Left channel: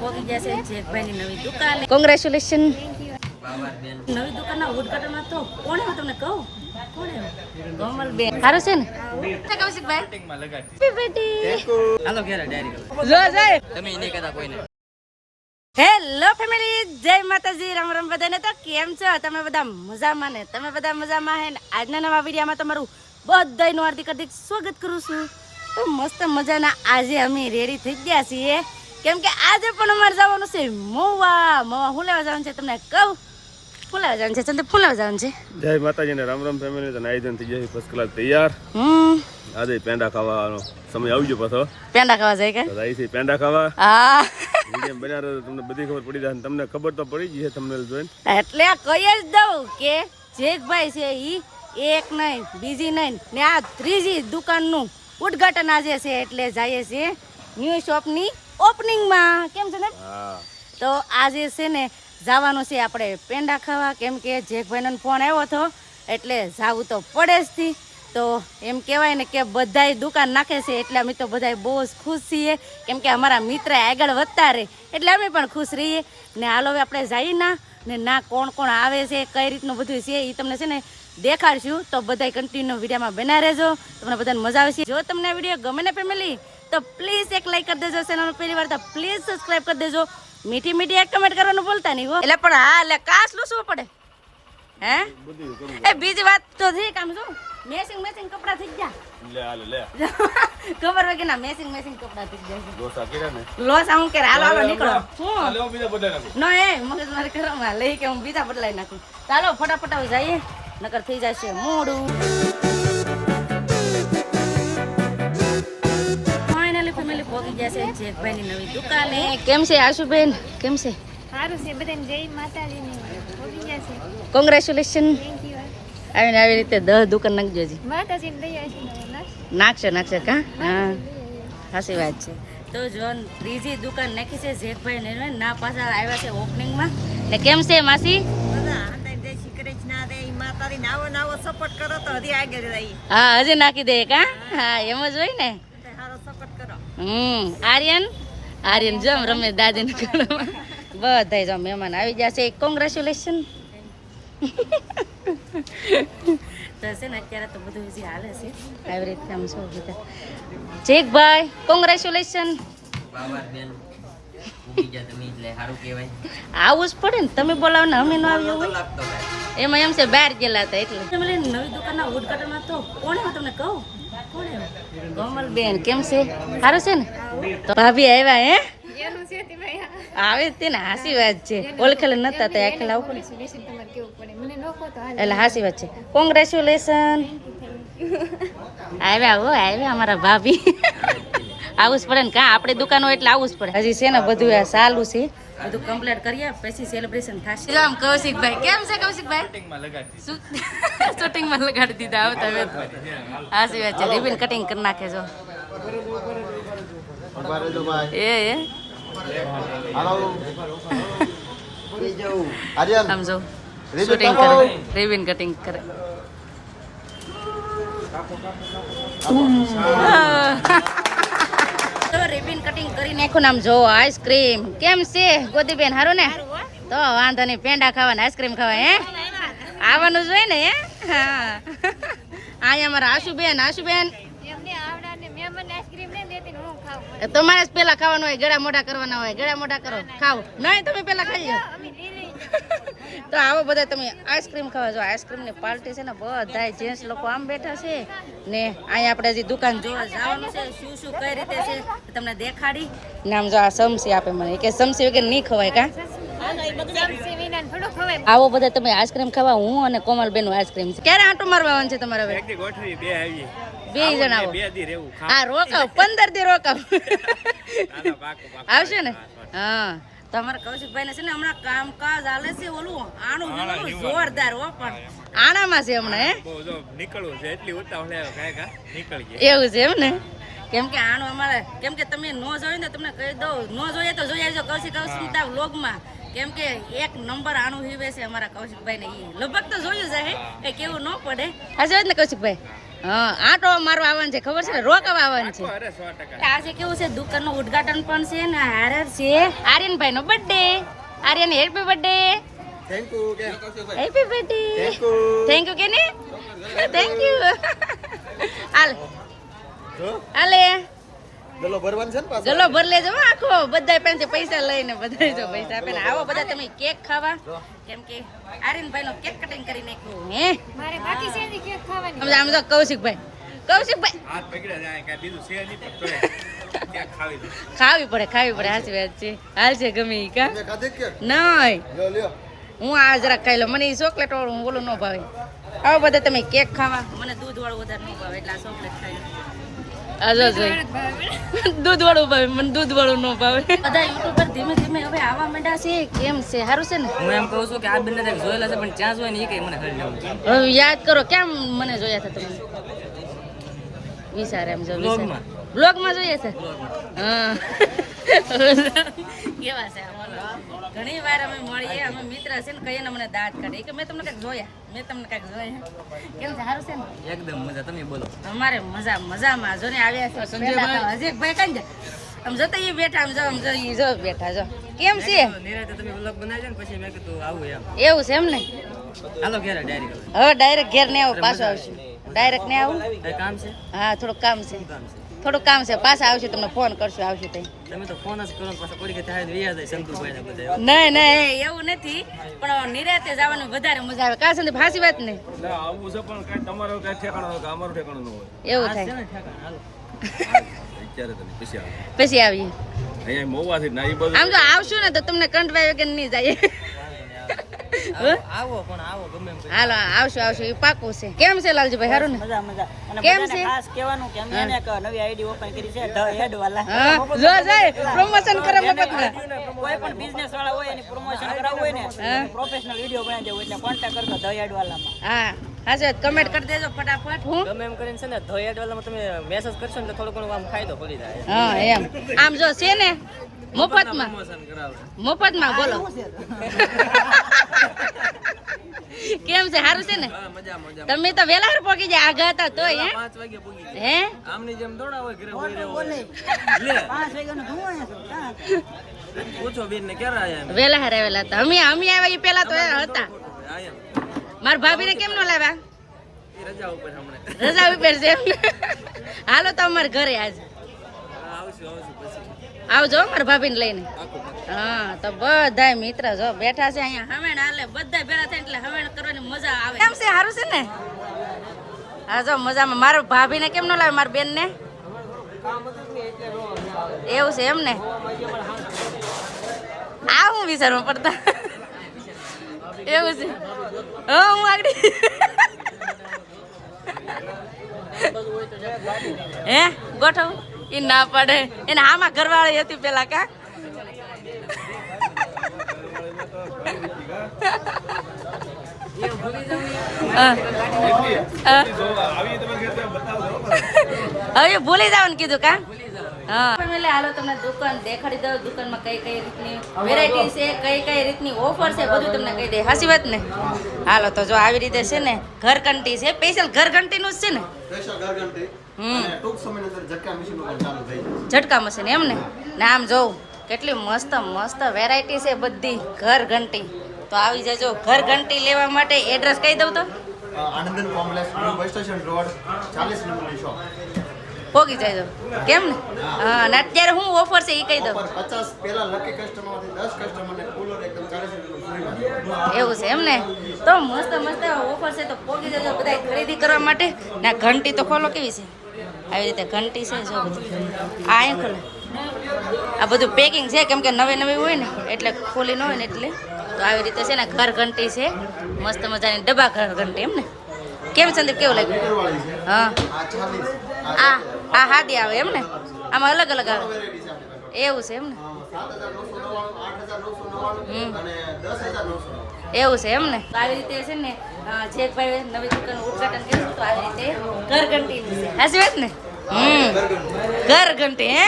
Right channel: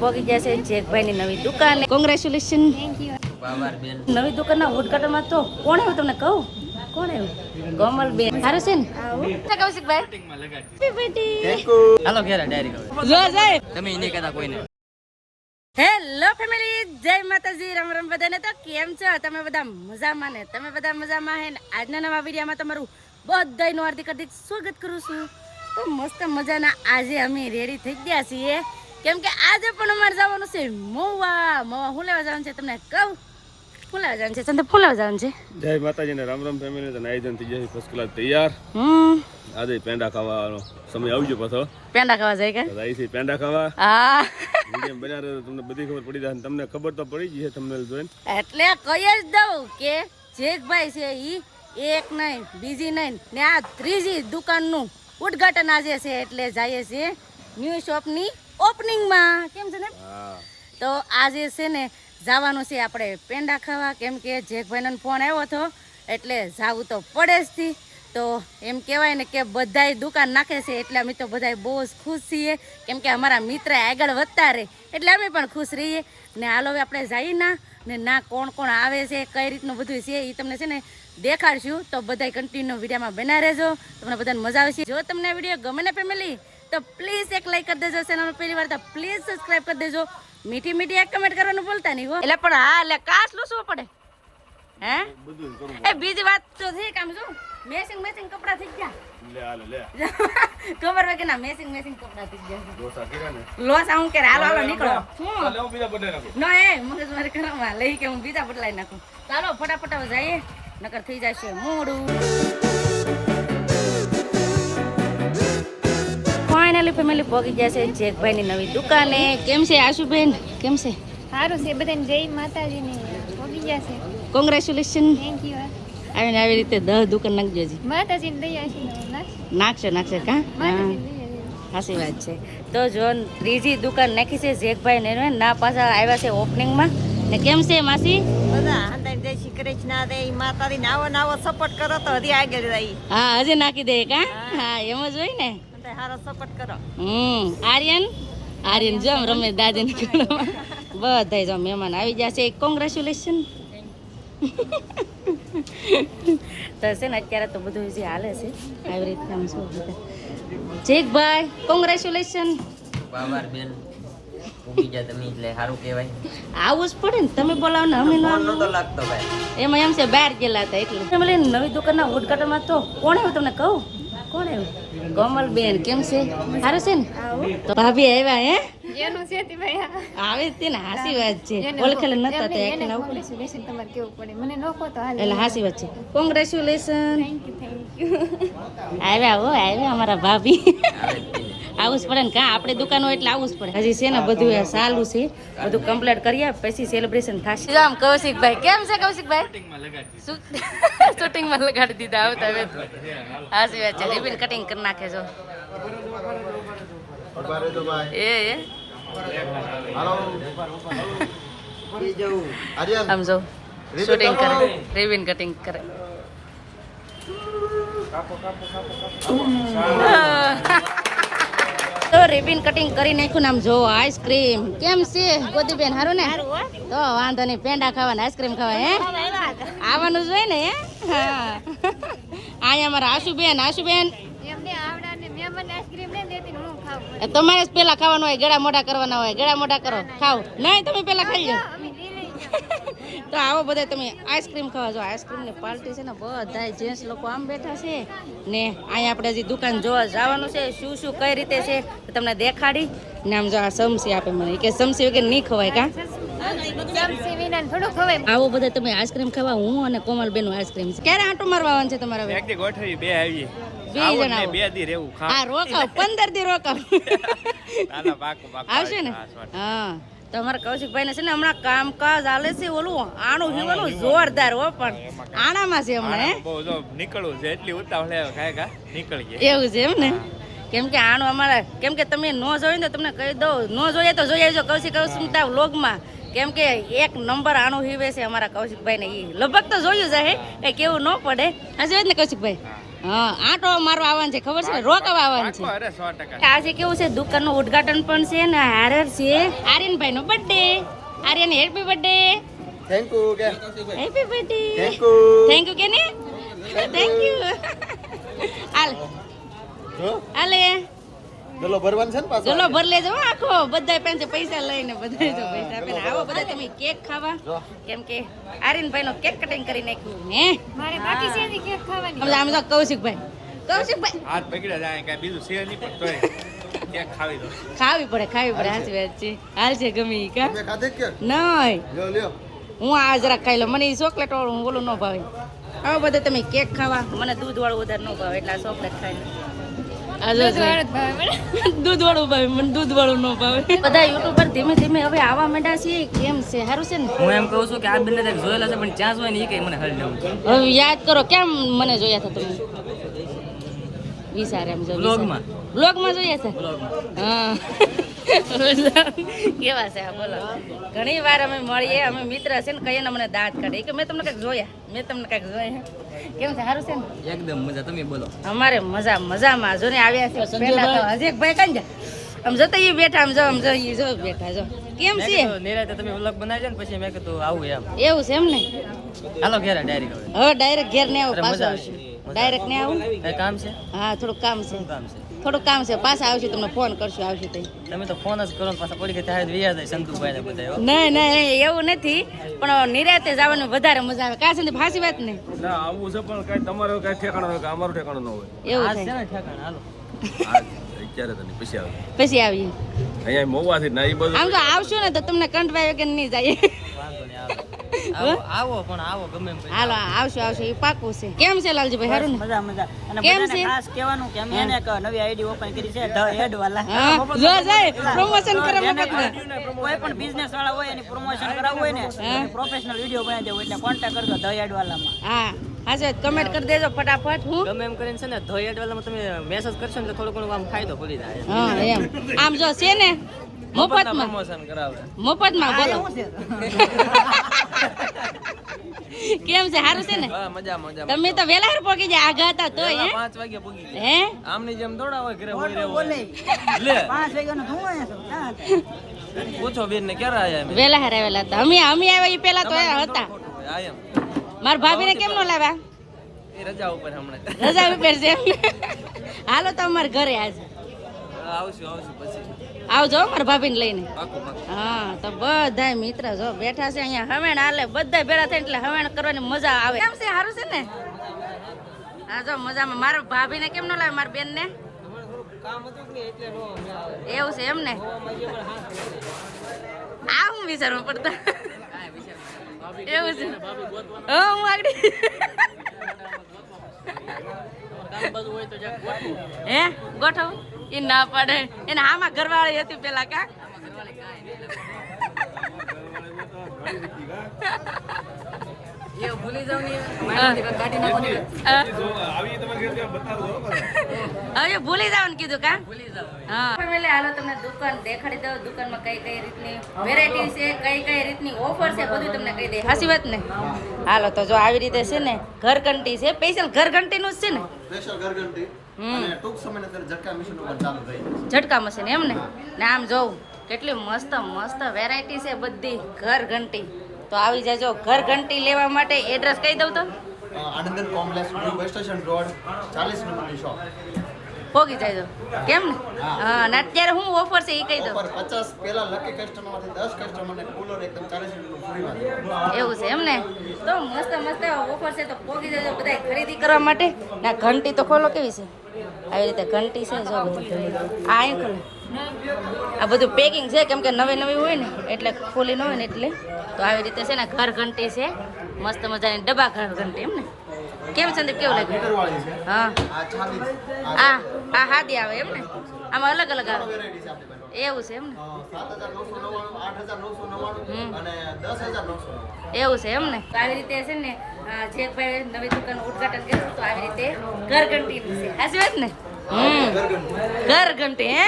પોગી ગયા છે જેકભાઈની નવી દુકાન. કોંગ્રેચ્યુલેશન. નવી દુકાનના ઉદ્ઘાટનમાં તો કોણ આવ્યું તમને કહું? કોણ આવ્યું? કોમલબેન. સારું છે ને કૌશિકભાઈ? હાલો ઘેર ડાયરી જો જાય તમે એને કહેતા કોઈને. હેલો ફેમિલી, જય માતાજી, રામ રામ બધાને. તો કેમ છો તમે બધા? મજામાં ને? તમે બધા મજામાં હે ને? આજના નવા વિડીયોમાં તમારું બધાનું હાર્દિક હાર્દિક સ્વાગત કરું છું. તો મસ્ત મજાના આજે અમે રેડી થઈ ગયા છીએ, કેમ કે આજે પણ અમારે જવાનું છે મોવા. મોવા શું લેવા જવાનું છે તમને કહું? ફૂલાવા જવાનું છે સંદીપ, ફૂલાવા જવાનું છે. જય માતાજી ને રામ રામ ફેમિલી. તો આયોજન થઈ જાય ફર્સ્ટ ક્લાસ તૈયાર. આજે પેંડા ખાવાનો સમય આવી ગયો પાછો. પેંડા ખાવા જાય કે જાય છે? પેંડા ખાવા. હા, વિડીયો બન્યા રહે તમને બધી ખબર પડી જાય. તમને ખબર તો પડી જ છે તમને જોઈને, એટલે કહી જ દઉં કે જેકભાઈ છે ઈ એક નહીં બીજી નહીં ને આ ત્રીજી દુકાનનું ઉદ્ઘાટન આજે છે, એટલે જઈએ છીએ ન્યૂ શોપની ઓપનિંગમાં. કેમ છે ને? તો આજે છે ને જવાનું છે આપણે પેંડા ખાવા, કેમ કે જેકભાઈનો ફોન આવ્યો હતો એટલે જાવું તો પડે જ થી. તો એમ કહેવાય ને કે બધાય દુકાન નાખે છે એટલે અમે તો બધાય બહુ જ ખુશ છીએ, કેમ કે અમારા મિત્ર આગળ વધતા રહે એટલે અમે પણ ખુશ રહીએ. ને હાલો હવે આપણે જઈએ ના કોણ કોણ આવે છે, કઈ રીતનું બધું છે એ તમને છે ને દેખાડશું. તો બધાય કન્ટિન્યુ વિડીયોમાં બના રહેજો, તમને બધાને મજા આવશે. જો તમને વિડીયો ગમે ને ફેમિલી તો પ્લીઝ એક લાઈક કરી દેજો, ચેનલ પહેલી વાર તો પ્લીઝ સબસ્ક્રાઇબ કરી દેજો, મીઠી મીઠી એક કમેન્ટ કરવાનું ભૂલતા નહીં હો. એટલે પણ હા, એટલે કાસ લૂસવું પડે હે. એ બીજી વાત તો જી કામ જો મેસિંગ કપડા થઈ ગયા. લે હાલ લે ખબર હોય કે ના મેસિંગ કપડા થઈ ગયા. લોસા કર્યા ને લોસા હું કરે. હાલો નીકળો. હું લે બીજા બદલાઈ નાખું. નો એ મગજ મારી કરવામાં લઈ કે હું બીજા બદલાઈ નાખું. ચાલો ફટાફટ જઈએ નકર થઈ જશે મોડું. ફાઇનલી ફેમિલી પહોંચી ગયા છે જેકભાઈની નવી દુકાને. કેમ છે આશુબેન? કેમ છે? સારું છે બધાને. જય માતાજી ને પહોંચી ગયા છે. કોંગ્રેચ્યુલેશન. Thank you. આવીને આવી રીતે 10 દુકાન નાખજો જી. માતાજી ને દયા છે. નાખશે કા? હા, સાચી વાત છે. તો જો ત્રીજી દુકાન નાખી છે જેકભાઈ ને ના પાછા આવ્યા છે ઓપનિંગમાં. ને કેમ છે માસી? હા, હજી નાખી દે કા? હા, એમ જ હોય ને. આર્યન જો રમે દાદી ને બધા જો મહેમાન આવી ગયા છે. કોંગ્રેચ્યુલેશન. તો છે ને અત્યારે તો બધું જે હાલે છે આવી રીતે આમ શું કીધા જેકભાઈ કોંગ્રેચ્યુલેશન. આવું જ પડે ને, તમે બોલાવો ને અમે ન આવીએ. એમાં એમ છે બહાર ગયેલા હતા એટલે. નવી દુકાનના ઉદ્ઘાટનમાં તો કોણ આવ્યું તમને કહું? કોણ આવ્યું? કોમલબેન. કેમ છે? સારું છે ને? તો ભાભી આવ્યા હે? આવે તે ને હાસી વાત છે. ઓળખેલ નતા તો આખેલ આવું એટલે હાસી વાત છે. કોંગ્રેચ્યુલેશન. આવ્યા હો, આવ્યા અમારા ભાભી. આવું જ પડે ને કા, આપણી દુકાન હોય એટલે આવું જ પડે. હજી છે ને બધું આ ચાલુ છે, બધું કમ્પ્લીટ કરીએ પછી સેલિબ્રેશન થશે. આમ કૌશિકભાઈ કેમ છે? કૌશિકભાઈ શૂટિંગમાં લગાડી દીધા. આવતા હાસી વાત છે. રિબન કટિંગ કરી નાખે છો એ આમ જો શૂટિંગ કરે, રિબન કટિંગ કરે. તો રિબન કટિંગ કરી નાખ્યું ને આમ જો આઈસ્ક્રીમ. કેમ છે ગોદીબેન? હારું ને? તો વાંધો નહીં, પેંડા ખાવાના આઈસ્ક્રીમ ખાવા હે આવવાનું જ હોય ને હે. હા, અહીંયા અમારા આશુબેન તમારે જ પેલા ખાવાનું હોય, ગળા મોઢા કરવાના હોય. ગળા મોઢા કરો, ખાવ નહીં તમે પેલા ખાઈ લો. તો આવો બધા તમે આઈસ્ક્રીમ ખાવા. જો આઈસ્ક્રીમ ની પાર્ટી છે ને, બધા જેન્ટ્સ લોકો આમ બેઠા છે ને. અહીંયા આપણે હજી દુકાન જોવા જવાનું છે, શું કઈ રીતે છે તમને દેખાડી ને. આમ જો આ સમસી આપે મને કે સમસી વગર નહીં ખવાય કા. આવો બધા તમે આઈસ્ક્રીમ ખાવા. હું અને કોમલબેન નું આઈસ્ક્રીમ છે. ક્યારે આંટો મારવા આવવાનું છે તમારે? બે જણા હા, રોકાવ 15 દી રોકાવ આવશે ને. હા, તમારા કૌશિકભાઈ ને છે ને હમણાં કામકાજ હાલે છે. ઓલું આણું જોવાનું જોરદાર હો, પણ આણામાં છે હમણાં નીકળવું છે એટલી ઉતાવળ એવું છે એમ ને. કેમ કે આણું અમારે, કેમ કે તમે ન જોયું ને તમને કહી દઉં, ન જોઈએ તો જોઈ આવજો કૌશિકતા વ્લોગમાં. કેમ કે એક નંબર આણું હીવે છે અમારા કૌશિકભાઈ ને. એ લગભગ તો જોયું છે કઈ કેવું ન પડે. હજુ જ ને કૌશિકભાઈ હા આટો મારવા આવવાનું છે ખબર છે ને રોકાવા આવવાનું છે અરે 100%. આજે કેવું છે દુકાનનું ઉદ્ઘાટન પણ છે ને હારે છે આર્યનભાઈ નો birthday Aryan happy birthday thank you કે હેપી બર્થડે થેન્ક યુ કે ને થેન્ક યુ હાલ હાલે ગલો ભરવાનું છે ને પાછો ગલો ભર લેજો હો આખો બધા પાસે પૈસા લઈને બધા જો પૈસા આપે ને આવો બધા તમે કેક ખાવા કેમ કે આર્યનભાઈ નો કેક કટિંગ કરી નાખ્યું હે મારે બાકી છે ને કેક ખાવાની આમ જો કૌશિકભાઈ હાથ પકડ્યા જાય કે બીજું છે નહીં પણ તોય ક્યાંક ખાવી દો ખાવી પડે સાચી વાત છે હાલ છે ગમે ઈ કા તમે ખાધે કે નહીં લ્યો લ્યો હું આ જરાક ખાઈ લઉં મને ઈ ચોકલેટ વાળું હું ઓલું ન ભાવે આવો બધા તમે કેક ખાવા મને દૂધ વાળું વધારે ન ભાવે એટલે આ ચોકલેટ ખાઈ દૂધ વાળું ભાવે મને દૂધ વાળું ન ભાવે બધા યુટ્યુબર ધીમે ધીમે હવે આવા માંડ્યા છે કેમ છે સારું છે ને હું એમ કહું છું કે આ બંને તક જોયેલા છે પણ ત્યાં જોઈ ને એ કઈ મને હરી લેવું હવે યાદ કરો કેમ મને જોયા હતા તમે વિચાર એમ જો બ્લોગમાં. બ્લોગમાં જોઈએ છે હા કેવા છે આ બોલો ઘણી વાર અમે મળીએ અમે મિત્ર છે ને કહીએ ને મને દાંત કાઢે કે મેં તમને કંઈક જોયા મેં તમને કંઈક જોયા કેમ છે સારું છે ને એકદમ મજા તમે બોલો અમારે મજામાં જો ને આવ્યા છે પેલા તો હજી એક ભાઈ કાંઈ જાય આમ જતા ઈ બેઠા આમ જો ઈ જો બેઠા જો કેમ છે નિરાતે તમે વ્લોગ બનાવી છે ને પછી મેં કીધું આવું એમ એવું છે એમ ને હાલો ઘેર ડાયરી હવે ડાયરેક્ટ ઘેર ને આવું પાછું આવશે ડાયરેક્ટ ને આવું કઈ કામ છે હા થોડુંક કામ છે કામ છે થોડુંક કામ છે પાછા આવશે તમને ફોન કરશું આવશે તઈ તમે તો ફોન જ કરો ને પાછા પડી ગઈ ત્યારે વ્યાજ જાય સંતુભાઈ ને બધા નહીં નહીં એવું નથી પણ નિરાતે જવાનું વધારે મજા આવે કાં સંદીપ હાસી વાત ને ના આવું છે પણ કઈ તમારો કઈ ઠેકાણો હોય કે અમારું ઠેકાણું ન હોય એવું આ છે થાય ને ઠેકાણે હાલો અત્યારે તો નહીં, પછી આવે પછી આવીએ અહીંયા મોવાથી ના એ બધું આમ તો આવશું ને તો તમને કંટવાય વગર નહીં જાય વાંધો નહીં આવો પણ આવો ગમે એમ કરી. હાલો આવશું એ પાકું છે કેમ છે લાલજીભાઈ સારું ને મજા મજા અને કેમ બધાને છે? ખાસ કહેવાનું કે અમે એને એક નવી આઈડી ઓપન કરી છે ધ હેડ વાલા હા જો જાય પ્રમોશન કરે મફતમાં કોઈ પણ બિઝનેસ વાળા હોય એની પ્રમોશન કરાવવું હોય ને પ્રોફેશનલ વિડીયો બનાવી દેવું એટલે કોન્ટેક્ટ કરજો ધ હેડ વાલામાં હા હાજર કમેન્ટ કરી દેજો ફટાફટ હું ગમે એમ કરીને છે ને ધોઈ એડવાલામાં તમે મેસેજ કરશો ને એટલે થોડું ઘણું આમ ફાયદો પડી જાય હા એમ આમ જો છે ને મફતમાં પ્રમોશન કરાવે મફતમાં બોલો કેમ છે સારું છે ને હા મજા મજા તમે તો વેલા હાર પહોંચી જાય આગા હતા તોય હે 5 વાગે પૂગી ગયા. હે આમની જેમ દોડા હોય ઘરે બોલી રહેવું લે 5 વાગ્યાનો ધુઓ અહીંયા છે પૂછો બેન ને ક્યારે આયા એમ વેલા હાર આવેલા હતા અમે આવ્યા ઈ પેલા તો એ હતા આયા મારા ભાભીને કેમ ન લાવ્યા એ રજા ઉપર હમણાં રજા ઉપર છે હાલો તો અમારા ઘરે આજ આવશું પછી આવજો મારા ભાભીને લઈને પાકું પાકું હા તો બધા મિત્ર જો બેઠા છે અહીંયા હવેણ હાલે બધા ભેળા થાય એટલે હવેણ કરવાની મજા આવે કેમ છે સારું છે ને હા જો મજામાં મારા ભાભીને કેમ ન લાવે મારા બેનને એવું છે એમ ને આ હું વિચારવા પડતા એવું છે હા હું આગળ હે ગોઠવ એ ના પડે એને આમાં ઘરવાળી હતી પેલા કા આવી તમે ઘરે બતાવજો હવે ભૂલી જવાનું કીધું કા હા એટલે હાલો તમને દુકાન દેખાડી દઉં દુકાનમાં કઈ કઈ રીતની વેરાયટી છે કઈ કઈ રીતની ઓફર છે બધું તમને કહી દે હાચી વાત ને હાલો તો જો આવી રીતે છે ને ઘરઘંટી છે સ્પેશિયલ ઘરઘંટી નું જ છે ને સ્પેશિયલ ઘરઘંટી અને ટૂંક સમયની અંદર ઝટકા મશીનો પણ ચાલુ થઈ જાય. ઝટકા મશીન એમ ને આમ જોઉં કેટલી મસ્ત મસ્ત વેરાયટી છે બધી ઘરઘંટી તો આવી જજો ઘરઘંટી લેવા માટે એડ્રેસ કહી દઉં તો Anandan complex new bus station road 40 નંબરની શોપ પોગી જાય કેમ ને હા અને અત્યારે હું ઓફર છે એ કહી દઉં ઓફર 50 પહેલા લકી કસ્ટમરમાંથી 10 કસ્ટમરને કુલર એકદમ 40 રૂપિયાનું ફ્રીમાં દેવાનું. એવું છે એમ ને તો મસ્ત મસ્ત ઓફર છે તો પોગી જજો બધા ખરીદી કરવા માટે ના ઘંટી તો ખોલો કેવી છે આવી રીતે ઘંટી છે જો બધું આ અહીં ખોલે આ બધું પેકિંગ છે કેમ કે નવી નવી હોય ને એટલે ખોલી ન હોય ને એટલે તો આવી રીતે છે ને ઘર ઘંટી છે મસ્ત મજાની ડબ્બા ઘર ઘંટી એમ ને કેમ સંદીપ કેવું લાગ્યું મીટરવાળી છે હા આ 40 આ હાદી આવે એમ ને આમાં અલગ અલગ આવે વેરાયટી છે આપણી પાસે એવું છે એમ ને 7999 અને 10999 એવું છે એમ ને તો આવી રીતે છે ને જે ભાઈ નવી દુકાનનું ઉદ્ઘાટન કર્યું તો આવી રીતે ઘરઘંટીનું છે હાચી વાત ને ઘરઘંટી હે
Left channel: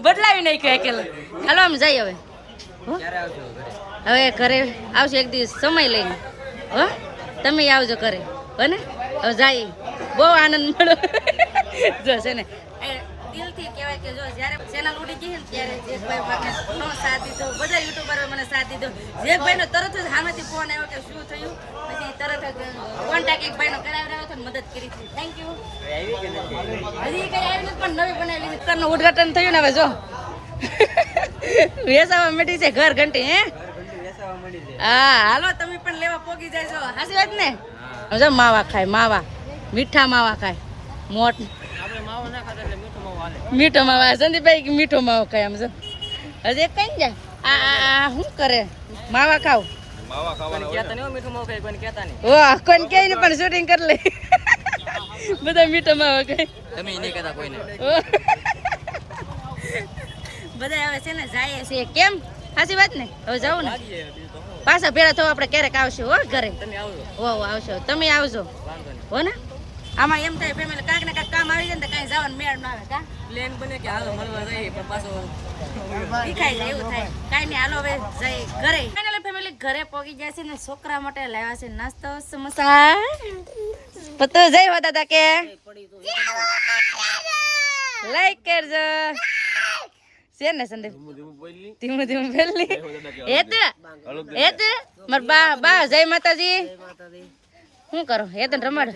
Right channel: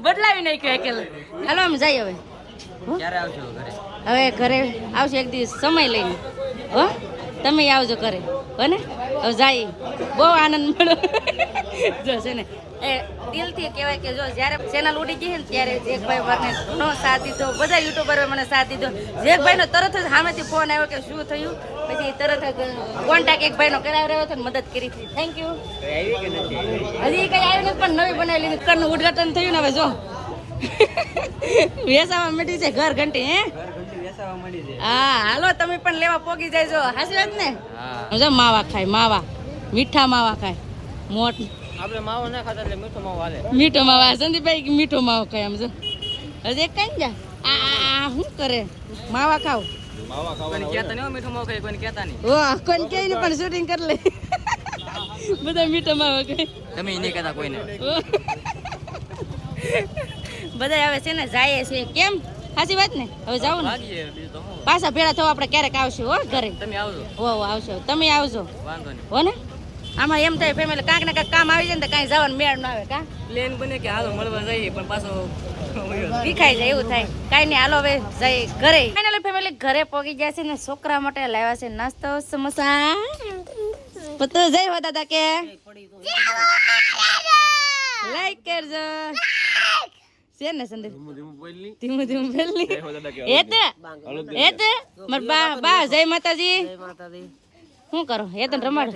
બદલાવી નાખ્યું અકેલા હાલો આમ જઈએ હવે ક્યારે આવજો ઘરે હવે ઘરે આવશે એક દિવસ સમય લઈને હો તમે આવજો ઘરે બને હવે જાય બહુ આનંદ મળ્યો જો છે ને એ દિલથી કહેવાય કે જો જ્યારે ચેનલ ઉડી ગઈ ને ત્યારે જેકભાઈ મને ઘણો સાથ દીધો બધા યુટ્યુબરોએ મને સાથ દીધો જેકભાઈનો તરત જ સામેથી ફોન આવ્યો કે શું થયું પછી તરત જ કોન્ટેક્ટ એક ભાઈનો કરાવી રહ્યો હતો ને મદદ કરી હતી થેન્ક યુ હજી કઈ આવી નથી પણ નવી બનાવી લીધી દુકાનનું ઉદ્ઘાટન થયું ને હવે જો વેસાવા મળી છે ઘર ઘંટી હે હા હાલો તમે પણ લેવા પોગી જાય જો હાસી વાત ને જો માવા ખાય માવા મીઠા માવા ખાય મોટ આપણે માવો ના ખાતા એટલે મીઠો માવો હાલે. મીઠો માવા સંદીપભાઈ મીઠો માવો ખાય આમ જો હજી એક કઈ જા આ શું કરે માવા ખાવ કોઈને કહેતા નહીં હો, મીઠો માવો ખાય કોઈને કહેતા નહીં. વાહ કોઈને કે ને પણ શૂટિંગ કરી લે બધા મીઠો માવા ખાય તમે ઈ નહીં કહેતા કોઈને. બધા હવે છે ને જાય છે કેમ સાચી વાત ને હવે જાવ ને ભાગીએ બીજું તો શું. પાછા ભેળા થવા આપણે ક્યારેક આવશું હો ઘરે તમે આવજો હો આવશો તમે આવજો વાંધો નહીં. હો ને આમાં એમ થાય ફેમિલી કાંઈક ને કાંઈક કામ આવી જાય ને તો કાંઈ જવાનું મેળ ન આવે કા પ્લેન બને કે હાલો મળવા જઈએ પણ પાછો ભીખાઈ જાય એવું થાય કાંઈ નહીં હાલો હવે જઈ ઘરે ફાઇનલી ફેમિલી ઘરે પહોંચી ગયા છે ને છોકરા માટે લાવ્યા છે નાસ્તો સમોસા પતો જય હો દાદા કે લાઈક કરજો છે ને સંદીપ ધીમું ધીમું પેલી એ તે માર બા જય માતાજી શું કરો એ તને રમાડ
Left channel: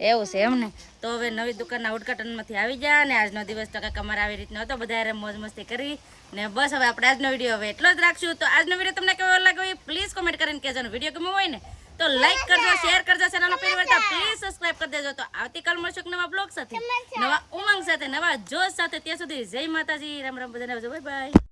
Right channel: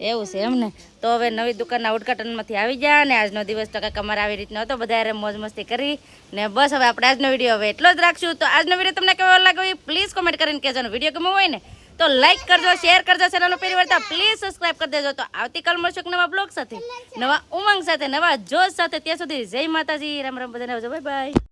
એવું છે એમ ને તો હવે નવી દુકાનના ઉદ્ઘાટનમાંથી આવી ગયા ને આજનો દિવસ તો કંઈક અમારે આવી રીતનો હતો બધા મોજ મસ્તી કરી ને બસ હવે આપણે આજનો વિડીયો હવે એટલો જ રાખશું તો આજનો વિડીયો તમને કેવો લાગ્યો એ પ્લીઝ કોમેન્ટ કરીને કહેજો વિડીયો ગમ્યો હોય ને તો લાઈક કરજો શેર કરજો ચેનલનો પહેલી વાર પ્લીઝ સબસ્ક્રાઇબ કરી દેજો તો આવતીકાલ મળશું એક નવા બ્લોગ સાથે નવા ઉમંગ સાથે નવા જોશ સાથે ત્યાં સુધી જય માતાજી રામ રામ બધાને આવજો બાય બાય